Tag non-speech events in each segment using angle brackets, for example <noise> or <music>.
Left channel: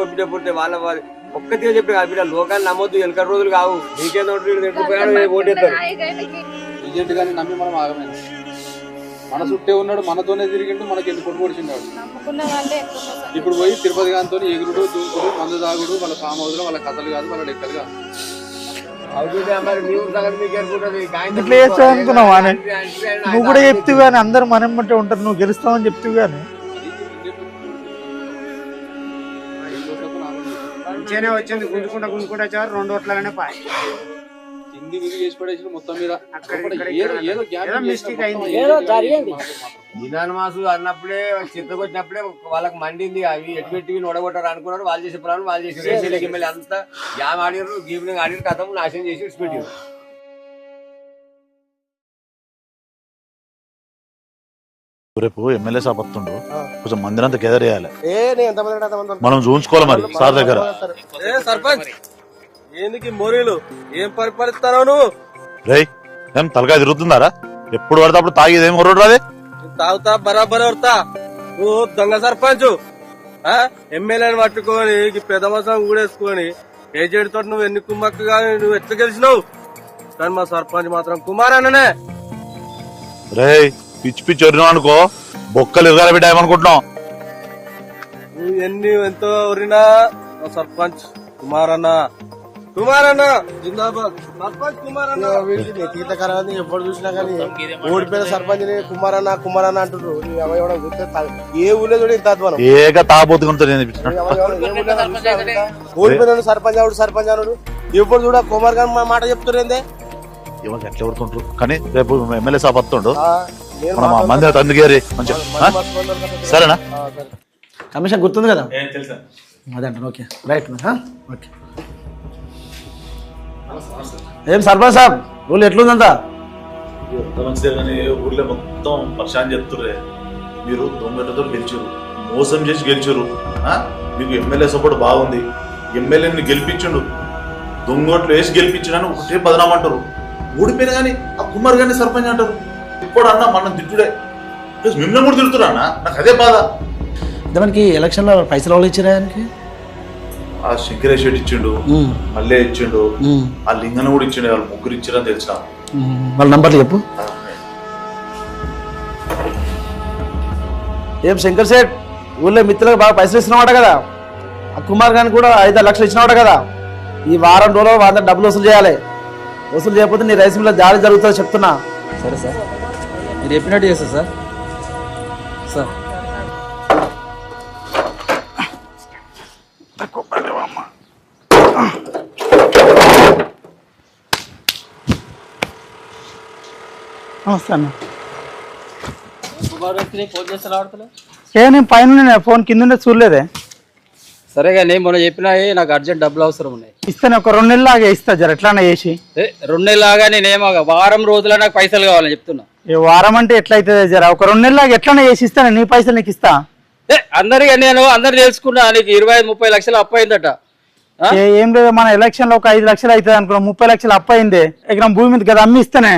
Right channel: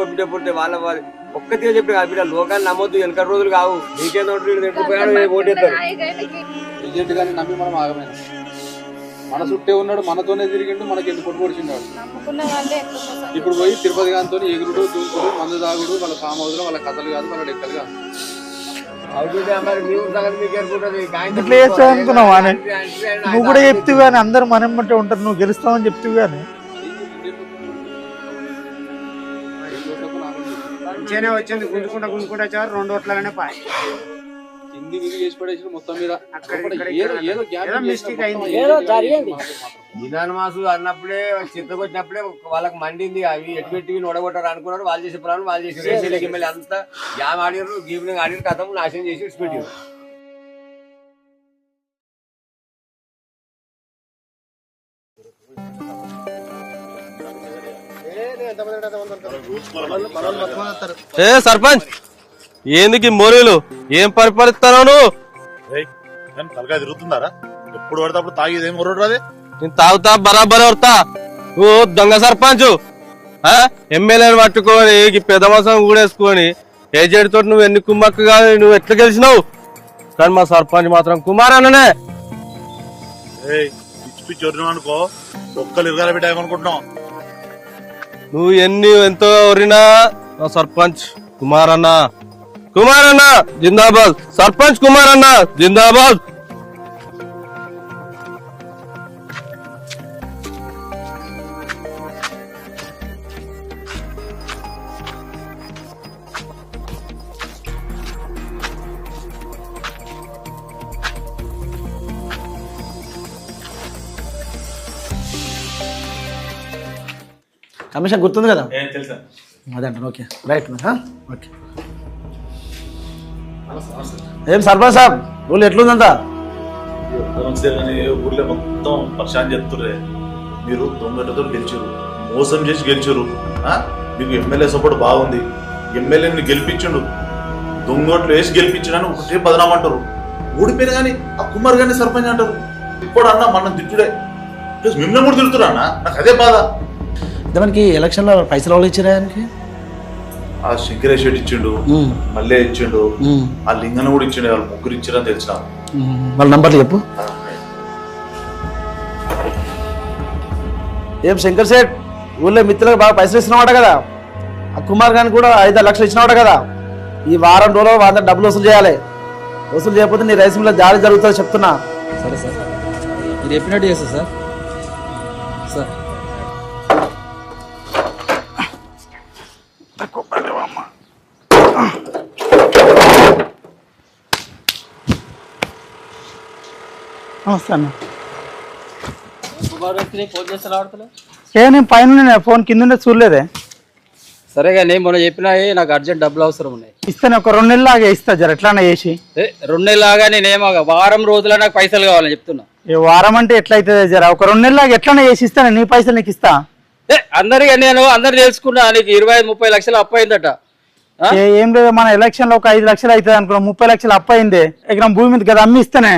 పంపించినప్పుడు వాళ్ళ వారి ఒక్కతిగా చెప్పి కాదు లోకాన్ని నమ్మొద్దు వెనక రోజులు కావు నీకే నోటు ఓటేస్తారు ఏజెంట్ కానీ నమ్మి మనం ఆగమైన మన చుట్టే ఉన్నాడు మనతోనే తిరిగిండు మనకి ఎందుకు పొడిచిండాడు ఇప్పుడు పోయి తిరుపతి గారితో ఎగురుడు దూకుడు మందు తాగుడు వాళ్ళ సామోదులు వాళ్ళ కథలు కాదు వాళ్ళ లెక్కలు కాదు ఇట్లా చేస్తావు నువ్వు కూడా చెప్తూ కానీ అందరు మనం ఉంటారు నువ్వు గెలుస్తావని చెప్తూ కానీ మంచిగానే వచ్చింది గుంజుకుంటా గుంజుకుంటా చారు రెండు ఓట్లనే పాయ కింది మొత్తం మీద అయింది నిదాన మాసు అన్నప్పుడే చిత్తకొచ్చినప్పుడే వాళ్ళకి మండింది అవి ఎటు పెట్టి నొడగొట్టారు అనుకున్నారు వాళ్ళు చేసే ప్రాణం వాళ్ళు చేసి రేసీలకి అంతా జామ్ ఆడినారు గీమ్ ఆడినారు కథం నాశనం చేసి ఇచ్చిపెట్టారు రేపు ఎమ్మెల్యే సాబ్ కొంచెం మందిరం అంతా గెదర్ చేయాలి మనం చూపించుకోవాలి మరి సార్ దగ్గర ఏ సర్పంచ్ ఏందికి మోరీలు ఏం పరిపాలిస్తారా నువ్వు రే ఏం తలకాయ తిరుగుతుందారా ఎప్పుడు పడితే అప్పుడు తాగేది ఏం కొరడు రాదే నేను తాగుతా బరాబర్ పడతా నువ్వు దొంగ సర్పంచ్ ఎమ్మెల్యేని పట్టుకొని ఈ పెద్ద మాసం ఊడేసుకొని ఏజెడ్ తోటి నువ్వు ఎన్ని కానీ నువ్వు ఎట్లా గెలిచినావు కానీ మా సర్పంచ్ మాత్రం కుమార్ రే పిచ్చి పిచ్చి వరినావు అనుకో బొక్కలు ఇరగాలి బిడ్డ ఏమనుకుంటున్నావు నువ్వు ఎన్ని ఎంతో ఎవరినా సర్పంచ్ కుమార్ అన్న కుమార్ అన్న జిందాబాద్ సర్పంచ్ కుమార్ అన్న జిందాబాద్ ఎప్పుడు చూసినా కానీ ఓడిపోయిన సర్పంచ్ కుమార్ అన్న కుమార్ అన్న అంటుండ్రు ఏ ఊళ్ళో చూడ ఇంకా ఏక ఓడిపోయిన సర్పంచ్ సర్పంచ్ ఆవిడ ఎప్పుడు చూడ కుమార్ గారు మాట చెప్తున్నారు ఎవరు ఎట్లా ఎవరుకుంటారు కానీ రేపు ఎమ్మెల్యే సాబ్ వస్తుండు మనం మంది అందుకేరి కొంచెం సరేనా కమిషన్ గుర్తుంది కదా తెలుసా అదంటాను ఓకే రైట్ ఓకే ఏం సర్పంచ్ సాబ్ ఊళ్ళో ఎట్లుందంతా ఊళ్ళో మొత్తం పక్షాన్ని చెప్తుర్రే మీరు దొంగతో గెలిచారు మోసం చేసి గెలిచారు మీకు ఎమ్మెల్యే సపోర్ట్ బాగుంది ఎమ్మెల్యేని గెలిపించండు దొంగోట్లు వేసి గెలిపించడానికి ఒకటే బదనామంటారు ఓడిపోయినా కానీ ఆ కుమార్ గారిని సర్పంచ్ అంటారు ఇప్పుడు అన్న మనం తిట్టుడే ప్లస్ మిమ్మల్ని కూడా తిరుగుతున్నా అన్న నాకు అదే బాధ మనకి మనకి ఎలక్షన్లో పైసలు వాళ్ళు ఇచ్చారా ఆయనకి ఆ శంకరేష్ రెడ్డి ఇచ్చిండు మళ్ళీ ఇచ్చిండు ఆ లింగన కూడా ఇచ్చిండు వాళ్ళు ముగ్గురు ఇచ్చారని తెలిసిన వాళ్ళ నంబర్లు చెప్పు ఏం శంకర్ సేట్ ఊళ్ళో మిత్రులకు బాగా పైసలు ఇస్తున్నావాట కదా ఆ కుమార్ గారిని కూడా ఐదు లక్షలు ఇచ్చినవాట కదా ఈ వారం రోజులు వాళ్ళ డబ్బులు వసూలు చేయాలి వసూలు చేయకపోతే నీ రైస్ మిల్లో దాడి జరుగుతుందో చెప్తున్నా సరే సార్ మీరు చెప్పినట్టు చేస్తా సార్ సార్ నమస్తే అన్న ఏ నేను పైన ఫోన్ కింద చూడలేదే సరే కానీ మొన్న చెప్పినాయి నాకు అర్జెంట్ డబ్బులు అవసరం ఉన్నాయి ఇస్తాను ఒక రెండు లాగా ఇస్తా జర ఎట్లానే చేసి ఏ, రెండు నెలలాగా నేనేమో వారం రోజుల నాకు పైసలు కావాలని చెప్తున్నా వారం అంటే ఎట్లయితే జర ఒక రెండు లాగా ఎట్లానే చేసి ఇస్తాను నీ పైసలు నీకు ఇస్తా ఏ అందరికీ నేను అందరు తెలుసుకున్నా నీకు ఇరవై ఐదు ముప్పై లక్షలు అప్ప అయిందట ఏం లేదు మన ఎలక్షన్ లో ఒక ఐదు లక్షలు అవుతుంది అనుకున్నా ముప్పై లక్షలు అప్పు ఎకరం భూమి మీద కదా అమ్మి ఇస్తానే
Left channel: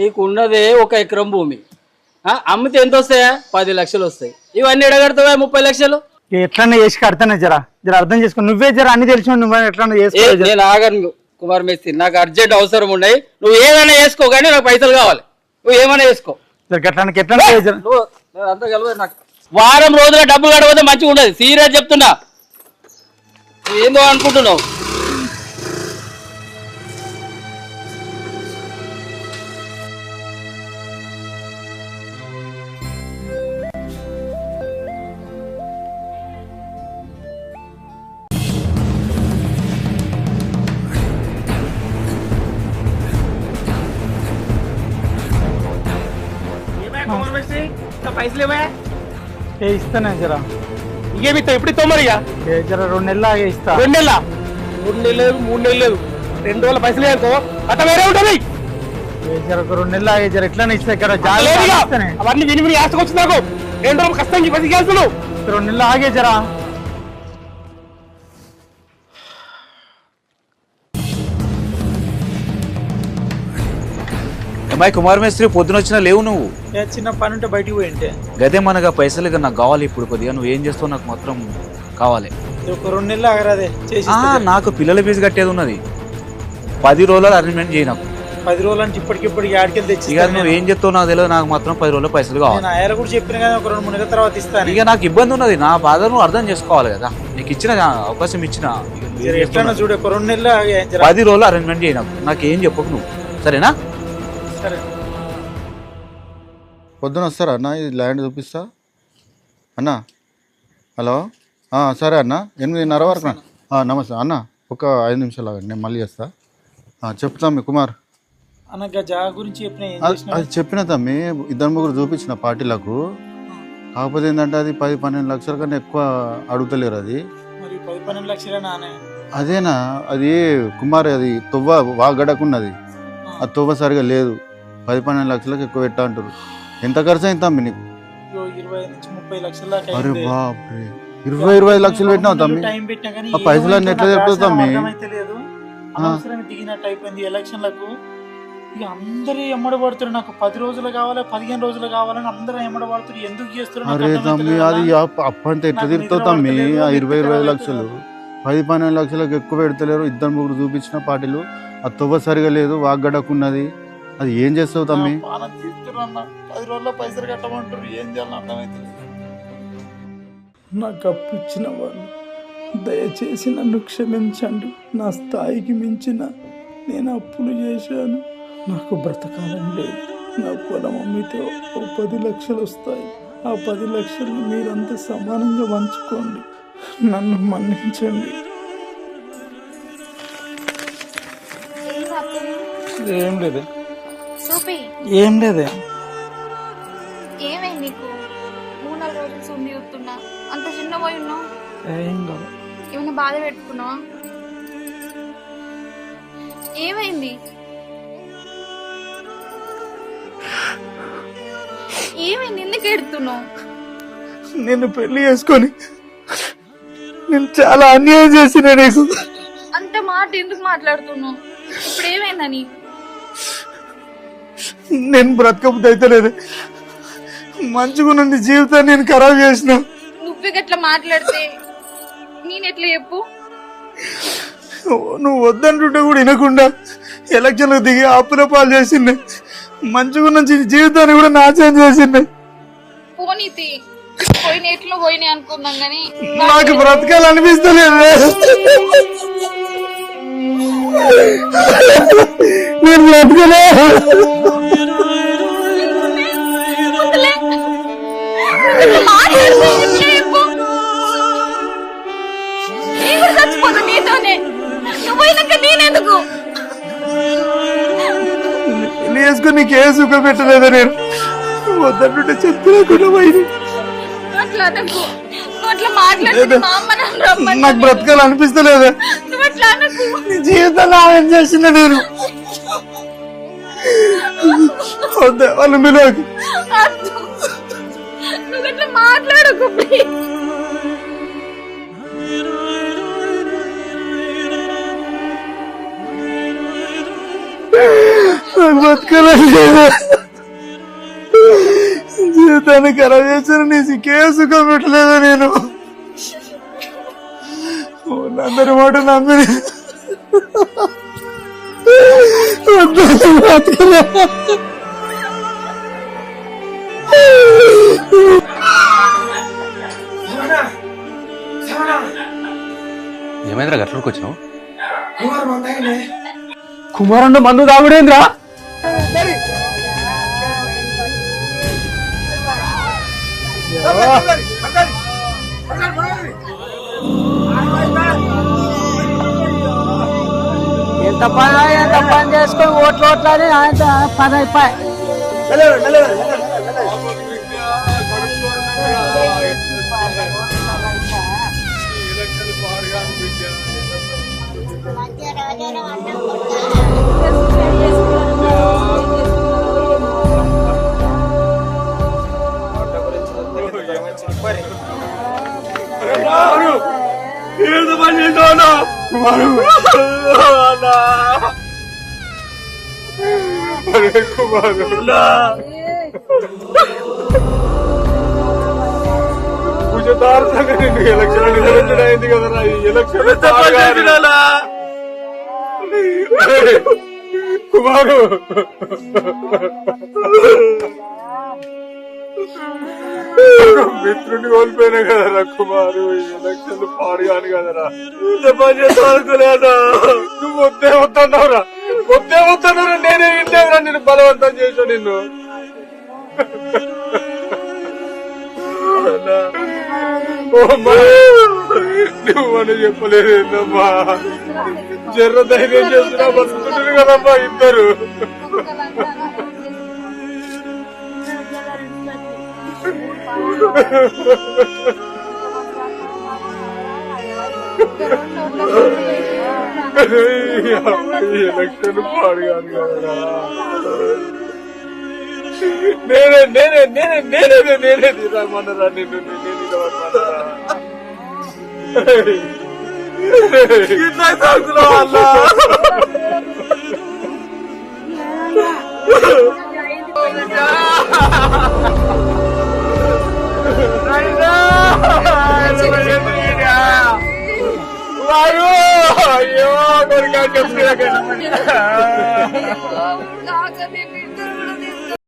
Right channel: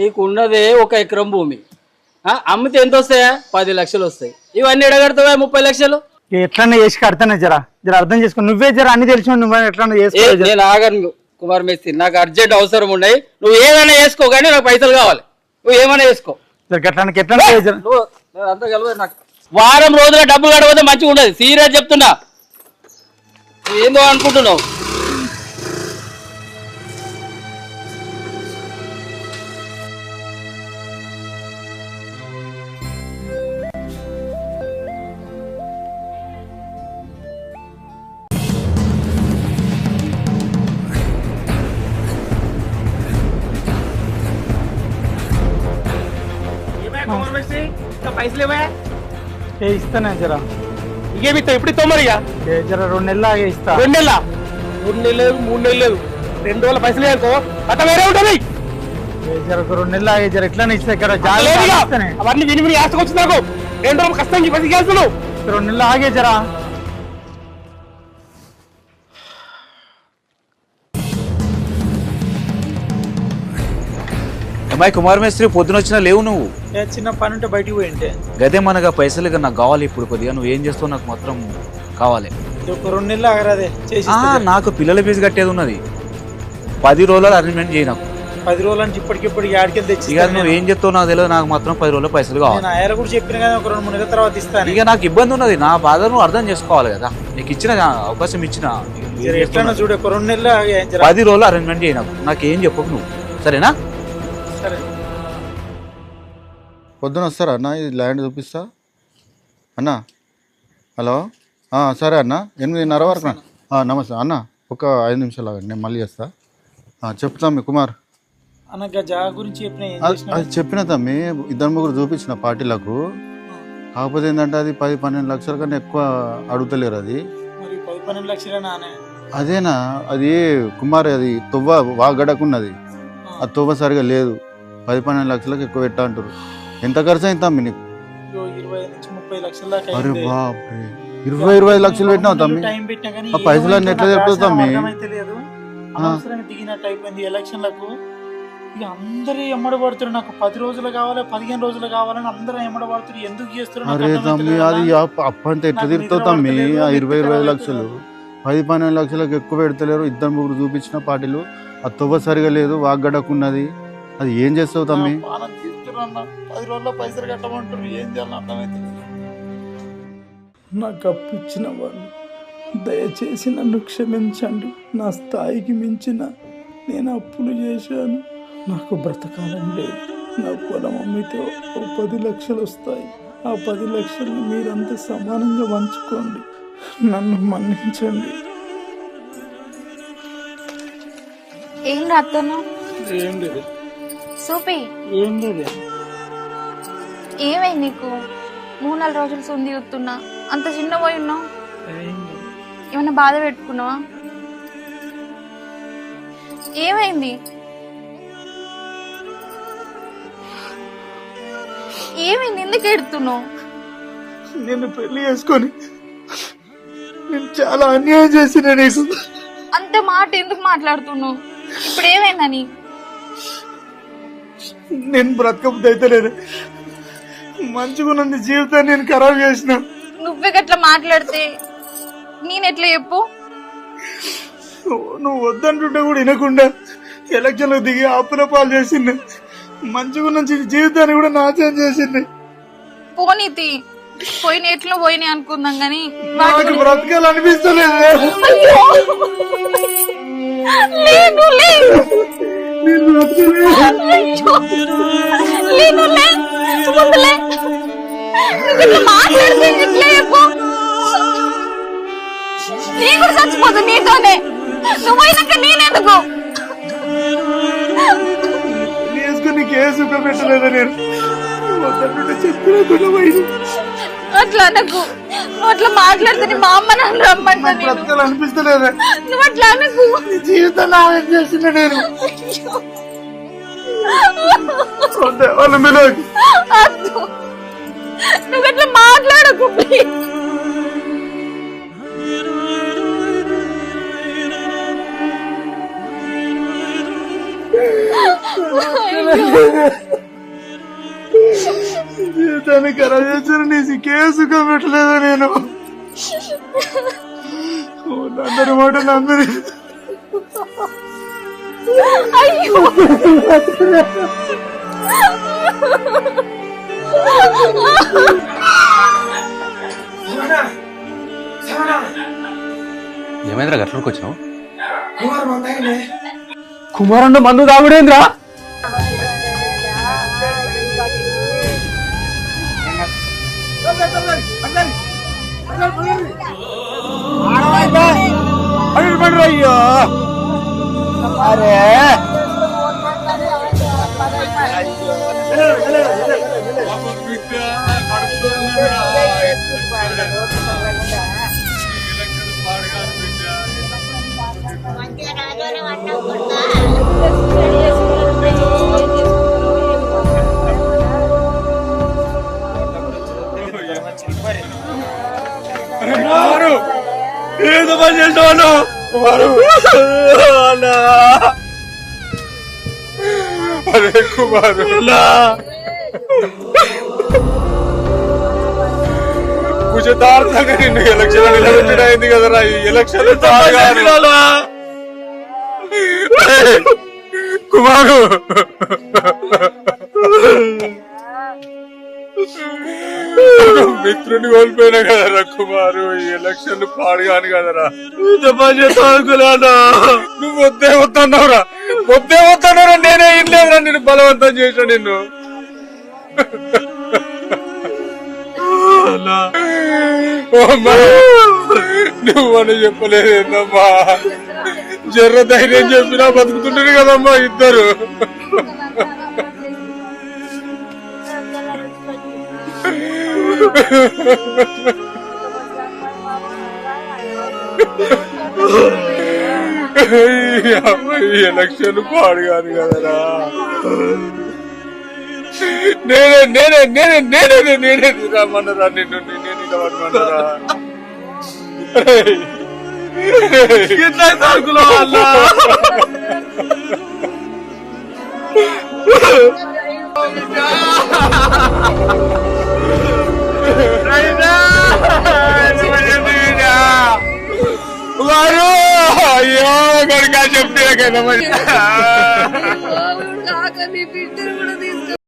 నీకు ఉన్నదే ఒక ఎకరం భూమి ఆ, అమ్మితే ఎంత వస్తాయా పది లక్షలు వస్తాయి ఇవన్నీ ఎడగడతావా ముప్పై లక్షలు ఎట్లన్నా చేసి కడతానే జర జర అర్థం చేసుకో నువ్వే జర అన్ని తెలిసి నువ్వే ఎట్లన్నా చేసుకో కుమార్ మేస్త్రి నాకు అర్జెంట్ అవసరం ఉన్నాయి నువ్వు ఏదైనా వేసుకో కానీ నాకు పైసలు కావాలి నువ్వు ఏమైనా వేసుకో ఎట్లా అంతా నాకు వారం రోజుల డబ్బులు కడపోతే మంచిగా ఉండదు సీరియస్ చెప్తున్నా ఏందో అనుకుంటున్నావు పైసలు ఇవ్వా ఏ ఇస్తానే జరా ఇంకేమి ఇస్తా ఇప్పుడు ఇస్తావు మరి ఏ జరా రెండు నెలలు ఆగే ఇస్తా రెండు నెలల రెండు నెలలు లేదు మూడు నెలలు లేదు రెండు రోజుల పైసలు వేసుకో అట్లా వేరే ఉంటుంది ఏ జరా రెండు నెలలు ఆగే జరా ఎట్లా ఇస్తా ఇక్కడ జాలి అవన్నీ విని విని ఆశకు వచ్చింది నాకు రెండు రోజులు కష్టం చేసి రెండు నెలలు ఆగే జరా అమ్మాయి కుమార్ మేస్త్రి పొద్దునొచ్చినా లేవు నువ్వు చిన్న పని ఉంటే బయటికి పోయింటే గదే మనగా పైసలు నాకు కావాలి ఇప్పుడు కొద్దిగా నువ్వు ఏం చేస్తావు నాకు మాత్రం కావాలి ఒక రెండు నెలలు ఆగరాదే నాకు పిల్లల ఫీజు కట్టేది ఉన్నది పది రోజులు అరేంజ్మెంట్ చేయి నాకు పది రోజుల నుంచి ఇప్పటికిప్పుడు ఆడికెళ్ళి తెచ్చి ఇక నువ్వు ఏం చెప్తావు నాకు తెలియదు నాకు మాత్రం పది రోజులు పైసలు కావాలి నా ఆయన కూడా చెప్పిన కదా ఒక రెండు మూడు నెలల తర్వాత ఇస్తాను ఇక నాకు ఇబ్బంది ఉన్నది నా బాధ నువ్వు అర్థం చేసుకోవాలి కదా నీకు ఇచ్చిన అవకాశం ఇచ్చిన ఇక చూడు ఒక రెండు నెలలు పది రోజులు అరేంజ్మెంట్ చేయి నాకు నాకు ఏం చెప్పకు నువ్వు సరేనా పొద్దున వస్తారా అన్న ఇది ల్యాండ్ చూపిస్తా అన్న హలో సరే అన్న ఎనిమిదిన్నర వరకు నమస్తే అన్న ఒక ఐదు నిమిషాలు ఆగండి నేను మళ్ళీ చేస్తా చెప్తా మీ కుమార్ అది చెప్పిన తమ్మి ఇద్దరు ముగ్గురు చూపించిన పార్టీలకు కాకపోతే ఏంటంటే అది పది పన్నెండు లక్షల కన్నా ఎక్కువ అడుగుతలేరు అది పది పన్నెండు అదేనా అది కుమార్ అది తువ్వ వాగడకున్నది ఆ తువ్వ సరిగా లేదు పది పన్నెండు లక్షలకు ఎక్కువ పెట్టా అంటారు ఎంత ఖర్చు అయింది తమ్మి నీకు అరే బాబ్రే ఇరవై ఇరవై లక్షలు పెట్టినావు తమ్మి ఆ పైసలు అన్ని ఎట్లా చెప్తావు తమ్మి దిగినట్టు ఎలక్షన్లకు ఇక అందరూ ఎమ్మడి పడుతున్నారు నాకు పది రోజులు కావాలి పదిహేను రోజులు కావాలని అందరూ ఎమ్మడి పడుతున్నారు ఎందుకు చేస్తున్నారు అరే తమ్మి అది అప్పంటే ఎట్లా తిరుగుతావు తమ్మి ఆ ఇరవై ఇరవై లక్షలు పది పన్నెండు లక్షలకు ఎక్కువ పెడతలేరు ఇద్దరు ముగ్గురు చూపించిన పార్టీలు ఆ తువ్వ సరిగా లేదు వాగ్గడకున్నది అది ఏం చేస్తావు తమ్మి పానం తీసుకురన్నా పది రోజుల్లో పైసలు కట్టమంటారు ఏం చేయాలని అర్థమైతే లేదు నాకు అప్పు ఇచ్చిన వాళ్ళు దయచేసి నన్ను క్షమించండి నా స్థాయికి మించిన నేను అప్పులు చేశాను నాకు బ్రతకాలం లేదు నా పొలం అమ్మితే ఒక పది లక్షలు వస్తాయి ఆ పది లక్షలు మీరంతా సమానంగా పంచుకోండి నన్ను మన్నించండి ఏం లేదు చూపి ఏం లేదే ఏమైంది నీకు మూడు నాలుగు రోజులు సుంది చెప్తున్నా అంత చిన్న పోయి ఉన్నావు ఏమైనా బాధ పెట్టుకున్నావా ఏమైంది ఏమైంది ఎందుకు ఎడుతున్నావు నేను పెళ్లి చేసుకొని నేను చాలా అన్యాయం చేసిన నీకు అంత మాట ఎందుకు మాట్లాడుతున్నావు ఇప్పుడు ఏమైందా నీకు నేను బ్రతకబుద్ధి అయితే మంచిగా నుండి జీవితాన్ని నేను ఖరాబ్ చేసిన నువ్వే గట్లా మాట్లాడితే నేనెట్లా చెప్పు నువ్వు వద్దంటుంటే కూడా వినకుండా ఎలక్షన్లకు దిగి అప్పుల పాలు చేసింది మంచిగా నుంచి జీవితాన్ని కూడా నాశనం చేసింది పోనీతి పోయిన ఎట్లా పోయినాయి అనుకుందాం కానీ నాకు బ్రతకాలనిపిస్తుంది చచ్చిపోదు నేను అట్లా అట్లా మాట్లాడితే నాకు బ్రతకాలనిపిస్తలేదు జీవితం అట్లా అనకు ఏం చేసిన నేను వద్దే వాళ్ళు వినోద్ నువ్వు ఎట్లా మాట్లాడకు జీవితాన్ని ఖరాబ్ చేసిన నీ కేసు పెట్టలేదు నేను <laughs> అందరి మాట నమ్మి 세원아, 세원아, ఏమైందిరా గట్ల వచ్చినావు కుమారం అందాయనే కుమారన్న మందు తాగుడేంద్రా అయ్యో చేసుకొని ఓట్లు ఓట్లని పని ఏదో పని చేసావు అన్న అన్నా అరే కుమారు కుజతార్థంగా నిన్ను ఎలక్షన్ నిలబెట్టడైంది కదరా ఈ ఎలక్షన్ కుమారు <laughs> మిత్రుని కోల్పోయినా కదరా కుమారు ఈ ఎలక్షన్ పాడు కాని కదరా నువ్వు వద్దే వద్దన్నావురా వద్దే వద్దన్నావురా నేనే ఇల్లేదురా నిన్ను బలవంతం చేసా నిన్ను నువ్వు చెప్పలేదు చెప్పలేదేందమ్మా జర్ర ధైర్యం చెప్పినా బతుకుతుంటే కదమ్మా ఇద్దరు ఎలక్షన్ పాడుగాను కదరా నేనే నేనే నేనే నేనే నేనే రమ్మన్నరా నిన్ను నేనే రమ్మన్నరా ఎట్లా తగ్గులో అలా Hindi na kayo naman. Hindi na kayo